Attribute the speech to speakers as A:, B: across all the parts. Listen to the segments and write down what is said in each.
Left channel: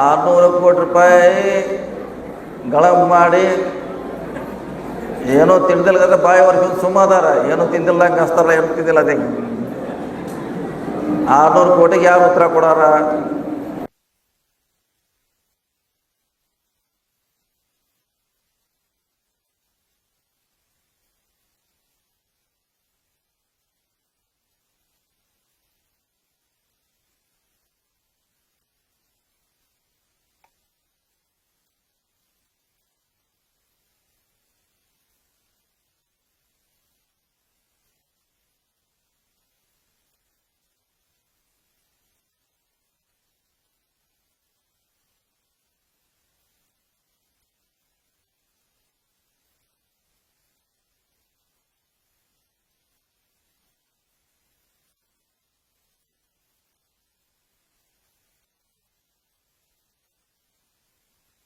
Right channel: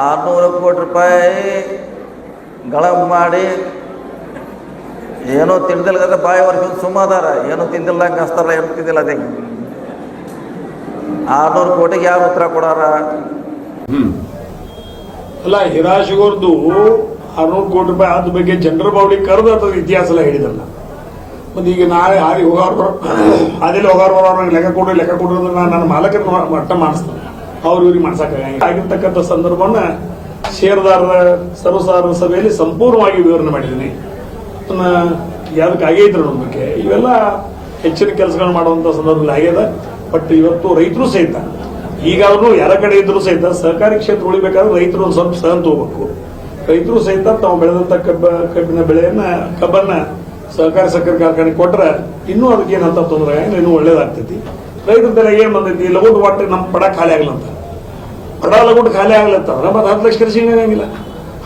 A: ಆರುನೂರು ಕೋಟಿ ರೂಪಾಯಿ ಗಳ ಮಾಡಿ ಏನೋ ತಿಂದಿಲ್ಲ ಬಾಯಿ ವರ್ಷದ ಸುಮ್ಮ ಅದಾರ ಏನೋ ತಿಂದಿಲ್ಲ, ಹಂಗೆ ಹಸ್ತಾರ ಏನೋ ತಿಂದಿಲ್ಲ ಅದೇ. ಆರುನೂರು ಕೋಟಿಗೆ ಯಾರು ಉತ್ತರ ಕೊಡಾರ?
B: ಅಲ್ಲ ಹಿರಾಶಿಗೋರ್ದು ಆರ್ನೂರು ಕೋಟಿ ರೂಪಾಯಿ ಆದ ಬಗ್ಗೆ ಜನರ ಬಾವಳಿ ಕರೆದು ಅಥವಾ ಇತಿಹಾಸ ಎಲ್ಲ ಹೇಳಿದಲ್ಲ. ಮತ್ತೆ ಈಗ ನಾಳೆ ಆಗಿ ಹೋಗಾರ ಅದೆಲ್ಲ ಹೋಗಾರ ಲೆಕ್ಕ ಕೊಡ್ರಿ ಲೆಕ್ಕ ಕೊಡ್ರಿ ಅಂದ್ರೆ ನಾನು ನನ್ನ ಮಾಲಕರ ಮಟ್ಟ ಮಾಡಿಸ್ತೇನೆ. ಅವ್ರು ಇವ್ರಿಗೆ ಮಾಡ್ಸಕ್ಕಾಗಂಗಿಲ್ಲ ಆಗಿರ್ತಕ್ಕಂಥ ಸಂದರ್ಭವನ್ನ ಷೇರುದಾರರ ಸರ್ವಸಾಧಾರಣ ಸಭೆಯಲ್ಲಿ ಸಂಪೂರ್ಣವಾಗಿ ವಿವರಣೆ ಮಾಡಿದ್ದೀನಿ. ಅದನ್ನ ಯಾವ್ದಕ್ಕೆ ಆಗೇ ಇದ್ರು ನಂಬಿಕೆ, ಇವೆಲ್ಲ ಹೆಚ್ಚಿನ ಕೆಲಸಗಳು ಮಾಡುವಂತ ಸಂದರ್ಭದಲ್ಲಿ ಆಗ್ಯದ. ಬಟ್ ಇವತ್ತು ರೈತರು ಸಹಿತ, ಈಗಾದ್ರೂ ಯಾರ ಕಡೆ ಇದ್ರು ಸಹಿತ ಸಹಕಾರಿ ಕ್ಷೇತ್ರ ಉಳಿಬೇಕಾದ್ರೆ ರೈತರು ಸ್ವಲ್ಪ ಸಹನ ತಗೋಬೇಕು. ರೈತರು ಸಹಿತ ತಾವು ಬೆಳೆದಂತ ಕಬ್ಬ, ಕಬ್ಬಿನ ಬೆಳೆಯನ್ನ, ಕಬ್ಬನ್ನ ಸಹಕಾರಿ ಸಕ್ಕರೆ ಕಾರ್ಖಾನೆ ಕೊಟ್ರೆ ಇನ್ನೂ ಅದಕ್ಕೆ ಏನಂತ ತೊಂದರೆ ಇನ್ನೂ ಒಳ್ಳೇದಾಗ್ತೈತಿ. ರೈತರ ಏನ್ ಬಂದೈತಿ? ಲಗೋಟ್ ಒಟ್ಟು ನಮ್ಮ ಪಡ ಖಾಲಿ ಆಗ್ಲಂತ ಪಡ ಕೊಟ್ಟು ಖಾಲಿ ಆಗ್ಲತ್ತಂದ್ರೆ ಮತ್ತೆ ಹತ್ತು ಲಕ್ಷ ಖರ್ಚಿಂಗ್ ಆಗಂಗಿಲ್ಲ.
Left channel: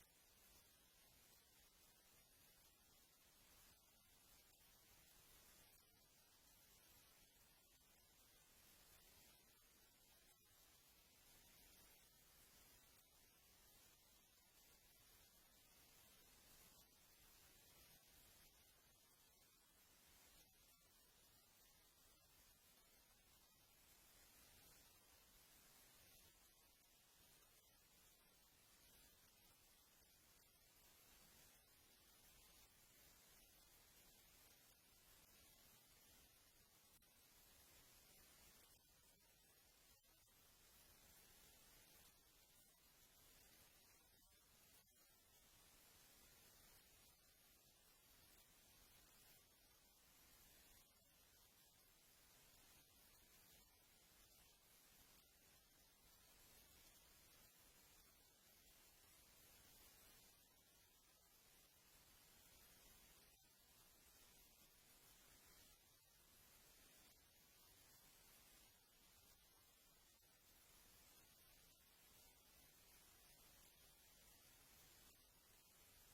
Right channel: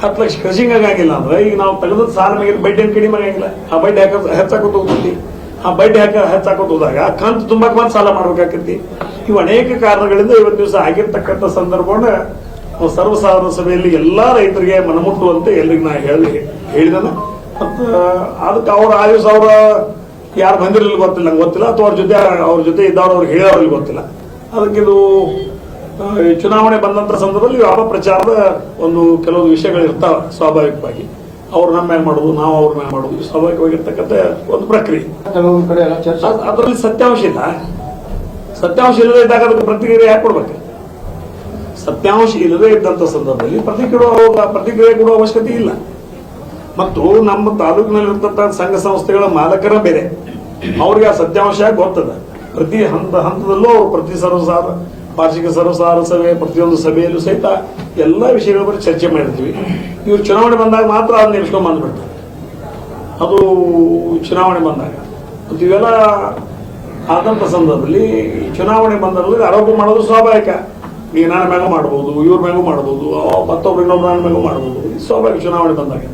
B: ಹತ್ತು ಲಕ್ಷ ಖರ್ಚಿಂಗ್ ಆಗಂಗಿಲ್ಲ ಅಂದ್ರೆ ಈಗ ನಾವು ತೆಗೆದ ಸಾಲ ಮೇಲೆ ಬಡ್ಡಿ ಏನು ಕಡಿಮೆ ಆಗಂಗಿಲ್ಲ. ಆ ಬಡ್ಡಿ ಹಾಕ ಹೆಚ್ಚಾಕೋತ ಹೋಗ್ತೈತಿ ಆ ಬಡ್ಡಿ ಹಾಕ ಹೆಚ್ಚಾಕೋತ ಹೋದಾಗ ಕಂತು ತುಂಬಾ ಮತ್ತೆ ಸಾಲ ಮಾಡ್ಬೇಕಾಕೈತಿ ಇವು ಅನೇಕ ಕಾರಣಗಳಿಂದ ಇವತ್ತು ದಿವಸ ಆಗಿರ್ತಕ್ಕಂಥ ಸಂದರ್ಭವನ್ನ ಸರ್ವಸಾಧಾರಣ ಸಭೆಯಲ್ಲಿ ಎಲ್ಲಾ ರೈತರಿಗೆ ಮನಮುಟ್ಟುವಂತೆ ಎಲ್ರಿಗೂ ನಾ ಹೇಳಿ, ಹೇಳಿದನ. ಮತ್ತ ಅದಕ್ಕೆ ಅವ್ರ ಆಯುಸ್ ಅವರ ಯಾರು ಬಂದಿರಲಿಲ್ಲ ಗೊತ್ತಿಲ್ಲ, ನಂಗೆ ಗೊತ್ತಿಲ್ಲ. ಅಥವಾ ಅವ್ರ ಜೊತೆ ಅವ್ರ ಜೊತೆ ಇದ್ದವ್ರು ಅವ್ರಿಗೆ ಹೇಳೋರ್ಲಿ ಗೊತ್ತಿಲ್ಲ. ಅದಕ್ಕೆ ಇದು ಚುನಾವಣೆ ಬಂದಂತ ಸಂದರ್ಭದಲ್ಲಿ ಯಾವ ಪ್ರಚಾರದ ಒಂದು ಕೆಲವೊಂದು ವಿಷಯಗಳು ಇರ್ತಾವ ಸ್ವಾಭಾವಿಕವಾಗಿ. ಅವ್ರು ನಮ್ಮ ಮ್ಯಾಗ ಮಾಡೋದು ನಾವು ಅವ್ರ ಮ್ಯಾಗ ಮಾಡೋದು ಸ್ವಾಭಾವಿಕವಾಗಿರ್ತಕ್ಕಂಥ ಒಂದು ಪ್ರಕ್ರಿಯೆ. ಅದರಲ್ಲಿ ಸತ್ಯಾಂಶ ಇಲ್ಲ. ಸತ್ಯಾಂಶ ಇಲ್ಲದೆ ಇದ್ದಾಗ ಅದಕ್ಕೆ ಪ್ರತಿಕ್ರಿಯೆ ಯಾಕೆ ಕೊಡ್ಬೇಕು? ಸತ್ಯಾಂಶ ಇಲ್ಲದೆ ಇದ್ದಂತ ಸಂದರ್ಭದಲ್ಲಿ ಪ್ರತಿಕ್ರಿಯೆ ಪ್ರತಿಕ್ರಿಯೆ ಕೊಡುವ ಅವಶ್ಯಕತೆ ಇಲ್ಲ. ಮತ್ತು ನಮ್ಮ ತಾಲೂಕಿನಲ್ಲಿರ್ತಕ್ಕಂಥ ಸಂಘ ಸಂಸ್ಥೆಗಳ ಮಾಲಕರ ಬೇರೆ ಅವ್ರಿಗೆ ಆ ಸತ್ಯಾಂಶ ಗೊತ್ತದ. ಪ್ರತಿ ಹಂತ ಹಂತದಲ್ಲೂ ಅವರು ಪ್ರತಿ ಸರ್ವಸಾರ ವಾರ್ಷಿಕ ಸರ್ವಸಾರ ಸಭೆ, ಪ್ರತಿಯೊಂದು ಸಭೆಯಲ್ಲೂ ಸಹಿತ ಎಲ್ಲ ವಿಷಯಗಳ ಬಗ್ಗೆ ಚರ್ಚೆ ಮಾಡಿರ್ತೀವಿ. ಇವ್ರು ಚುನಾವಣೆ ಬಂದಾಗ ಮಾತ್ರ ಅದನ್ನ ನೆನೆಸ್ಕೊಂಡ್ ಬಂದ್ಬಿಡ್ತಾರೆ. ಅದು ಚುನಾವಣೆ ಬಂದಾಗ. ಮತ್ತು ಇವೆಲ್ಲ ಆದಂತ ಸಂದರ್ಭದಲ್ಲಿ ಚುನಾವಣೆ ಬಂದಲ್ಲಿ ಆರೋಪ ಮಾಡೋದು ಸ್ವಾಭಾವಿಕ. ನೀವು ನನ್ನ ಮ್ಯಾಗೂ ಮಾಡ್ಬೋದು, ಇವ್ರ ಮ್ಯಾಗೂ ಮಾಡ್ಬೋದು ಮತ್ತೊಬ್ರು ಇನ್ನೊಬ್ರು ನನ್ನ ಮ್ಯಾಗೂ ಮಾಡ್ಬೋದು ಸ್ವಾಭಾವಿಕ ಚುನಾವಣೆ ಬಂದಾಗ.